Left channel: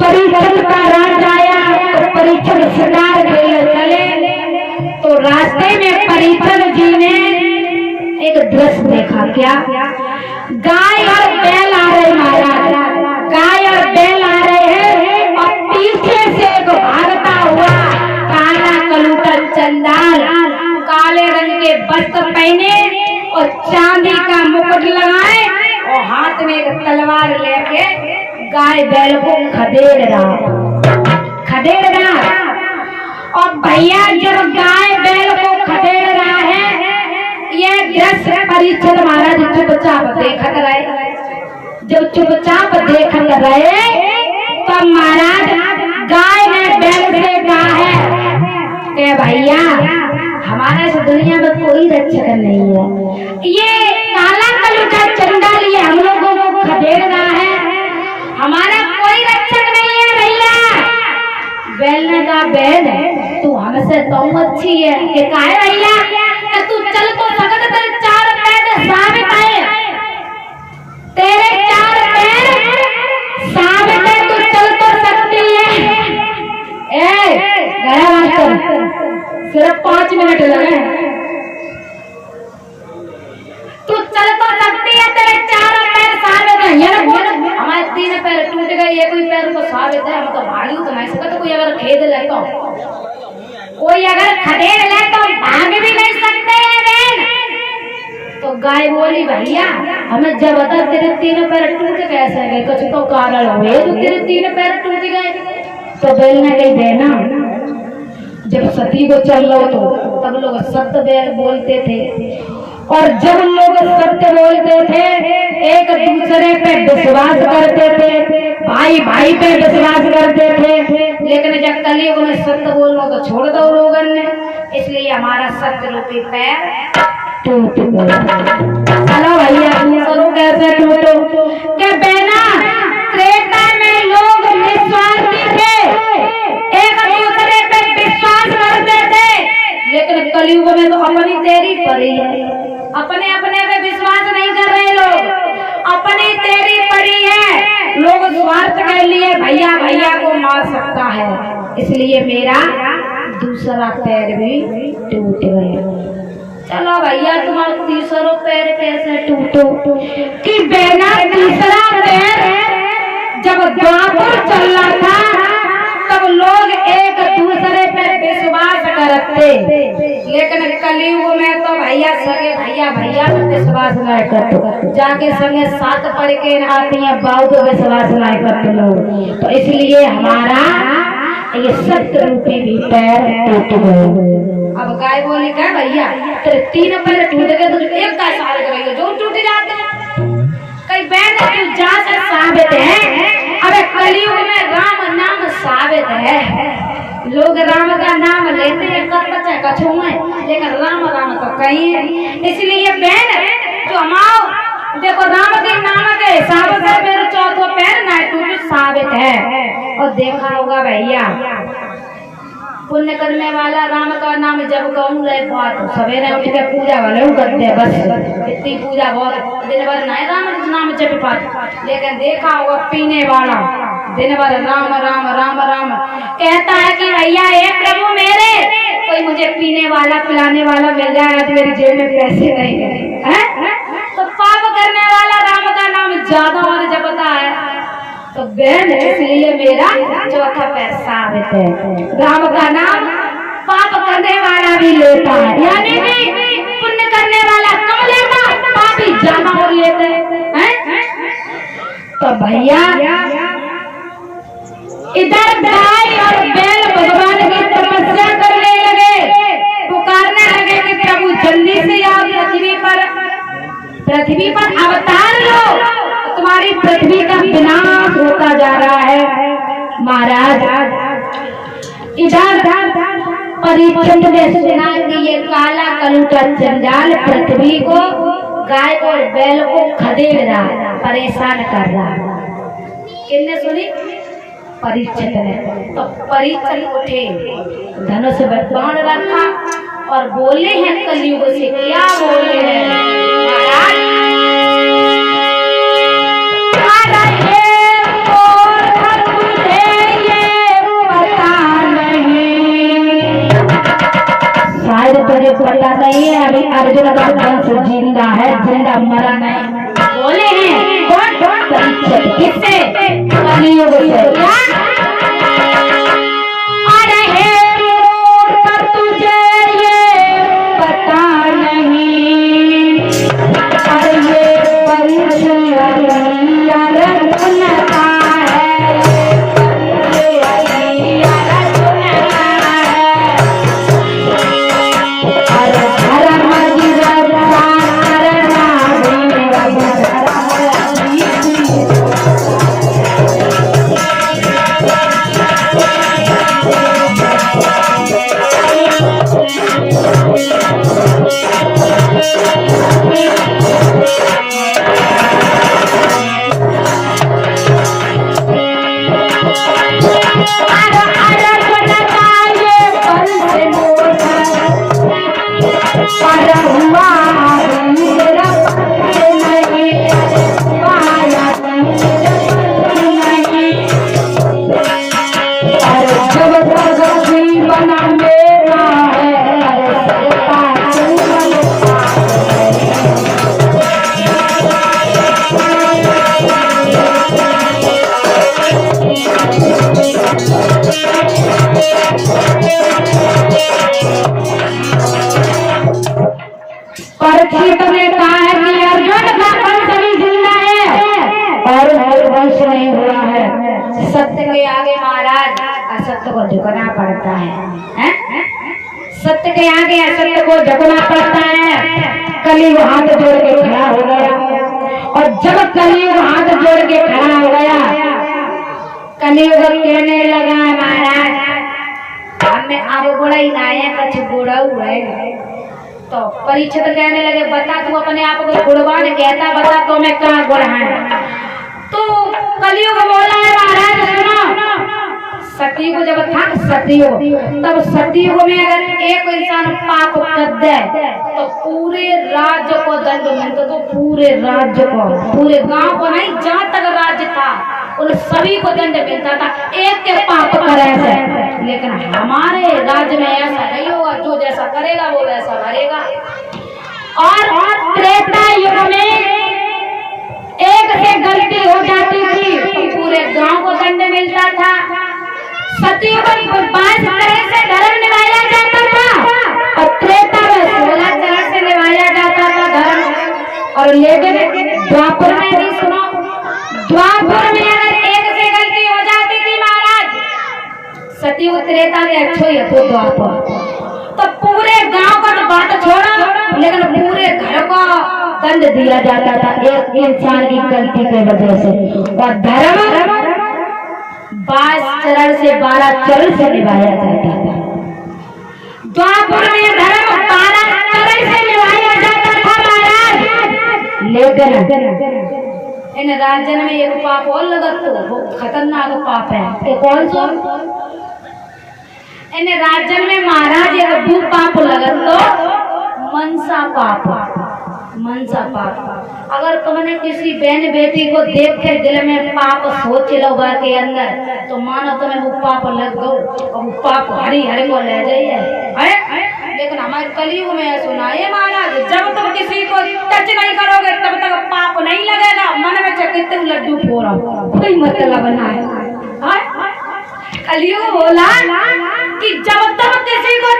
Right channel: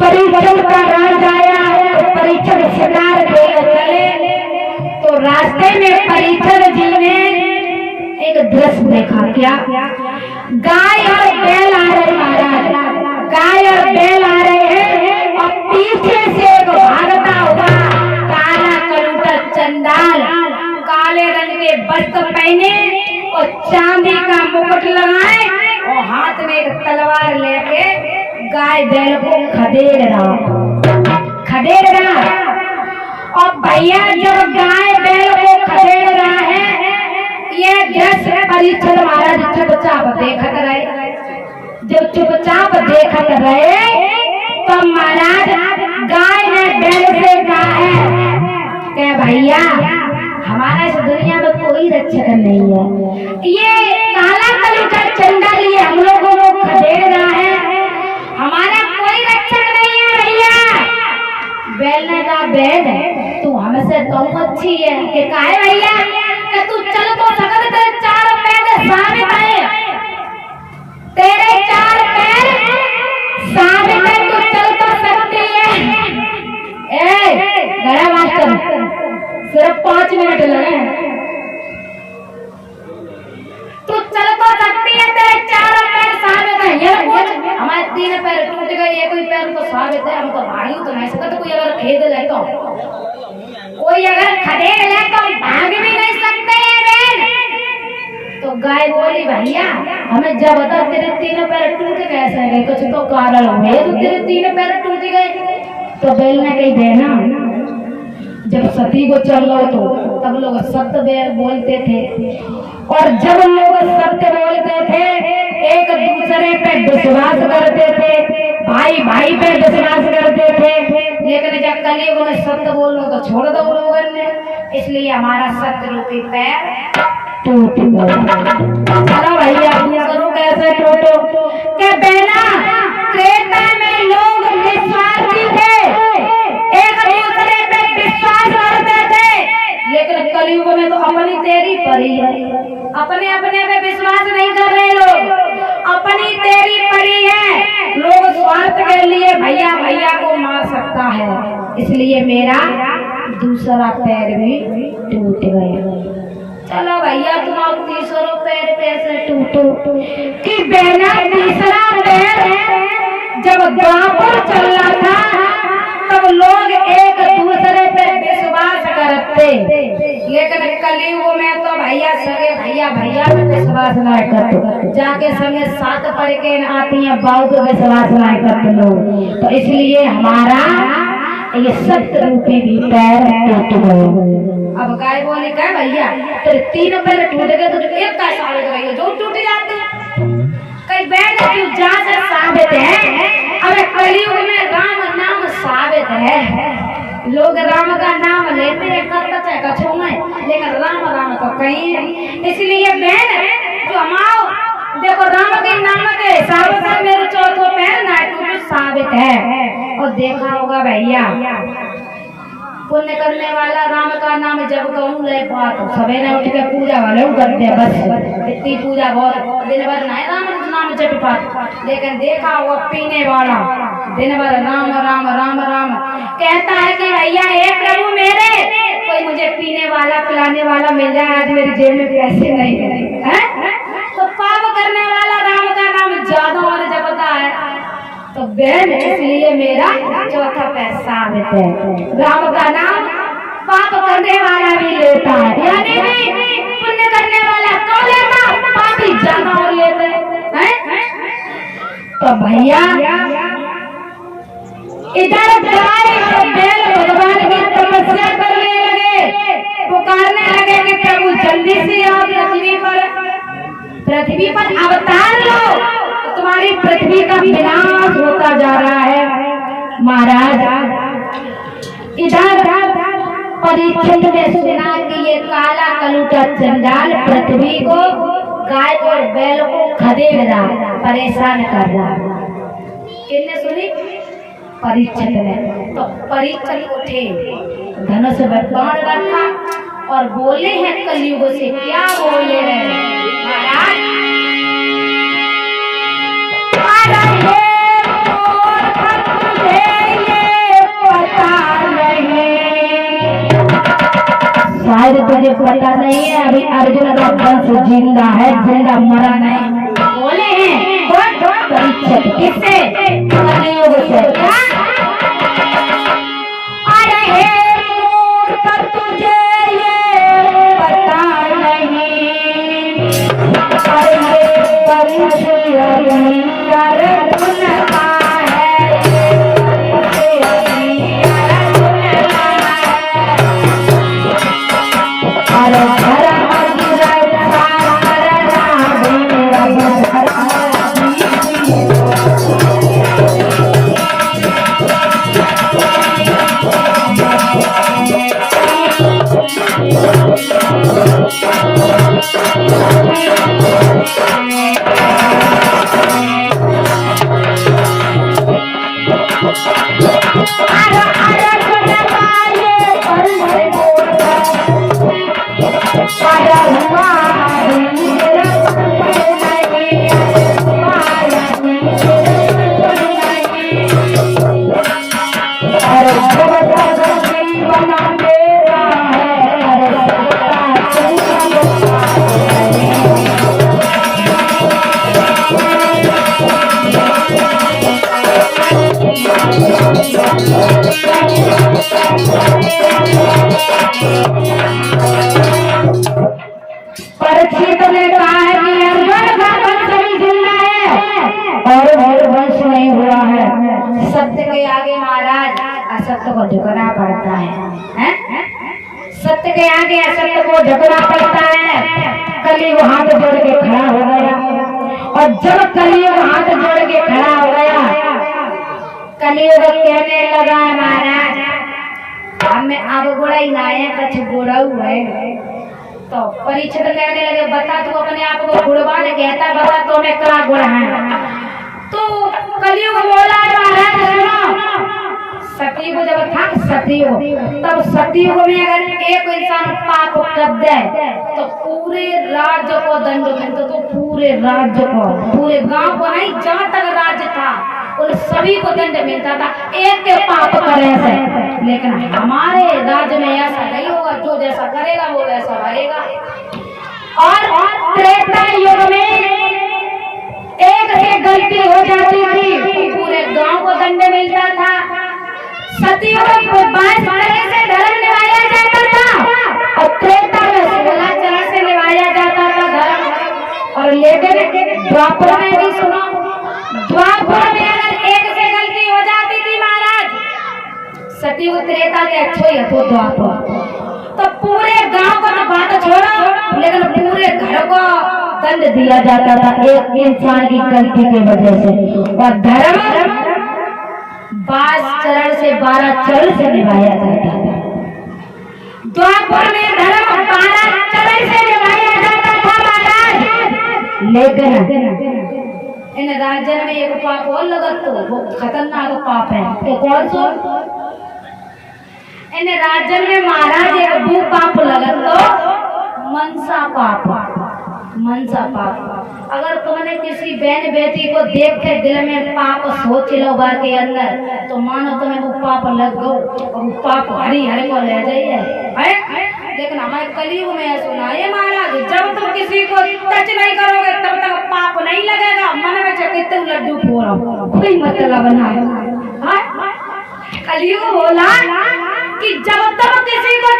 परीक्षण का राज आया तो परीक्षण शिकार देने चले तो रास्ते में परीक्षण जी ने एक दृश्य देखा। क्या? गाय और बैल आ रहे महाराज, गाय और बैल आ रहे हैं और पीछे से एक भागता हुआ काला कलूटा चंडाल, काले रंग के वस्त्र पहने और चांदी का मुकुट लगाए और हाथ में एक तलवार लेके गाय बैल को खदेड़ रहा। और भैया जब गाय बैल को खदेड़ रहा है, ये दृश्य परीक्षण महाराज चुपचाप देखत रहे। जब चुपचाप देखत रहे तो महाराज गाय ने बैल से कहा है कि भैया हमारा इस दुनिया में कोई रक्षक नहीं है, ये काला कलूटा चंडाल ये हम लोगों को खदेड़ रहा है, हमारा कोई रक्षक नहीं है भैया। बैल ने कहा बैल तू हमसे तो अच्छी है कि काहे भैया कि तू चल तो सकत, तेरे चार पैर साबित है, तेरे चार पैर साबित है, तू चल तो सकती है। गया मास्टर, सिर्फ 5 मिनट लगे। तू चल तो सकती है, तेरे चारों पैर साबित है। ये बोल हमारे 3 पैर टूट गए, एक ही पैर तो साबित है, हम तो भागी तो नहीं सकते। कोई अगर खेद ले तो, कोई अगर खदेड़ ले तो भाग भी नहीं सकते हैं बैल। तो गाय बोली भैया हमें जब बता तेरे 3 पैर टूट कैसे गए, कुछ तो कारण हुए तो तेरे 3 पैर टूट गए। तो बैल ने कही बहना जब सती को चल रहा तो तब लोग सत्य बैल बोलते थे, और जब लोग सत्य बोलते थे एक दूसरे पे विश्वास करते थे, भाई भाई पे विश्वास करते थे। लेकिन जब कलयुग में सत्य बोलो तो छोड़ दो लोगों ने, इसलिए हमारा सत्य रूपी पैर टूट गया। चलो भैया दूसरों कैसे टूटो के बहना, त्रेता में लोग निस्वार्थी थे, एक दूसरे पे विश्वास करते थे, लेकिन कलयुग में तो अपनी तेरी पड़ी है, अपने अपने पे विश्वास नहीं कर रहे लोग, अपनी तेरी पड़ी है। लोग स्वार्थ के लिए भैया भैया को मार सकता है, इसलिए मेरा दूसरा पैर भी टूट गया। चलो भैया तुम अब तीसरा पैर कैसे टूटो कि बहना तीसरा पैर जब द्वापर चल रहा था तब लोग एक दूसरे पे विश्वास करते, लेकिन कलयुग में तो भैया सगे भैया भैया पे विश्वास नहीं करते, जाके संगे साथ पढ़ के आती हैं बहुत विश्वास नहीं करते लोग। तो इसलिए हमारा ये सत्य रूपी भी पैर टूट गए। अब गाय बोले क्या भैया तेरे 3 पैर टूट गए, तुझे एक का साल करेंगे जो टूट जाते कई बैल तू जाकर साबित है। अरे कलयुग में राम नाम साबित है, लोग राम का नाम लेते हैं कच्चा कछू में, लेकिन राम राम तो कहीं है। इसलिए बहन जो हमाओ देखो राम के नाम के हिसाब से मेरे चौथा पैर ना टूट साबित है। और देखा होगा भैया पुण्य करने वाला राम का नाम जब कहूँ रहे बात सवेरे उठ के पूजा वाले करते हैं, बस इतनी पूजा बहुत दिन भर नहीं राम नाम जब पाठ। लेकिन देखा होगा पीने वाला दिन भर राम राम राम राम कहता है कि भैया हे प्रभु मेरे कोई मुझे पीने वाला पिलाने वाला मिल जाए, आज मेरी जेब में पैसे नहीं है। तो पाप करने वाला राम का नाम ज्यादा और जपता है। तो बहन इसलिए मेरा चौथा पैर साबित है, राम का नाम पाप करने वाला भी लेता है, यानी कि पुण्य करने वाला कम लेता, पापी ज्यादा और लेते हैं। तो भैया इधर गाय और बैल भगवान की तपस्या करने लगे, पुकारने लगे कि प्रभु जल्दी से आओ पृथ्वी पर अवतार लो, तुम्हारी पृथ्वी का विनाश होता जा रहा है। महाराज इधर परीक्षित ने सुना कि ये काला कलूटा चंडाल पृथ्वी को गाय और बैल को खदेड़ रहा, परेशान कर रहा। किसने सुनी? परीक्षित ने। तो परीक्षित उठे, धनुष में बाण रखा और बोले हैं कलयुग से। क्या बोले हैं महाराज? तुझे नहीं है, अभी अर्जुन का वंश जिंदा है, जिंदा मरा नहीं। बोले हैं कौन? परीक्षित। किससे? कलियुग से। अरे हे मूर्ख तुझे ये पता नहीं, अरे ये परिचय अर्जुन का है, ये अर्जुन का है। अरे धर्म की रक्षा करना परीक्षित ने कहा है कि अर्जुन का वंश भी जिंदा है और वंश नहीं हुआ है। सत्य के आगे महाराज असत्य को झुकना पड़ता है, सत्य के आगे असत्य को झुकना पड़ता है। कलियुग हाथ जोड़ के खड़ा हो गया, और जब कलियुग हाथ जोड़ के खड़ा हो गया, कलियुग कहने लगा महाराज हमें अब बुरा ही ना है, कुछ बुरा हुआ है। तो परीक्षित कहने लगे बता तू अपने आप को गुणवान कहता, बता तो मैं कहाँ गुण है। तो कलियुग बोला है महाराज सुनो, सतयुग जब था सतयुग, तब सतयुग में अगर एक इंसान पाप कर दे तो पूरे राज्य को दंड मिलता, तो पूरे राज्य को, पूरे गांव को नहीं, जहाँ तक राज्य था उन सभी को दंड मिलता था एक के पाप करे से। लेकिन हमारे राज्य में ऐसा नहीं होगा, जो जैसा करेगा वो वैसा रहेगा। और त्रेता युग में एक से गलती हो जाती थी तो पूरे गांव को दंड मिलता था। सतयुग में 22 तरह से धर्म निभाया जाता था और त्रेता में 16 तरह से निभाया जाता था धर्म। और लेकिन द्वापर में भी सुनो, द्वापर में अगर एक से गलती हो जाती थी महाराज, सतयुग त्रेता के अच्छो ही तो द्वापर, तो पूरे गांव का तो बात छोड़ो, लेकिन पूरे घर को दंड दिया जाता था एक इंसान की गलती की वजह से। और धर्म 22 चरण से 12 चरण से निभाया जाता था। द्वापर में धर्म 12 चरण से निभाया जाता था महाराज। लेकिन इन राज्य में एक पाप और लगा, तो वो खतरनाक पाप है। तो कौन सा? इन राज्य में महाराज एक भू पाप लगा, तो मनसा पाप। मनसा पाप, अगर तुमने किसी बहन बेटी को देख के दिल में पाप सोच लो के अंदर, तो मानो तुम्हें वो पाप लग गो और वो पाप हरी हरे को ले जाइए। लेकिन हमारे कलियुग में सुना है महाराज, जब तुम किसी को टच नहीं करोगे तब तक पाप नहीं लगेगा। मन में चकित लड्डू फोड़ा, कोई मतलब बना है। कलियुग बोला कि जब तुम किसी को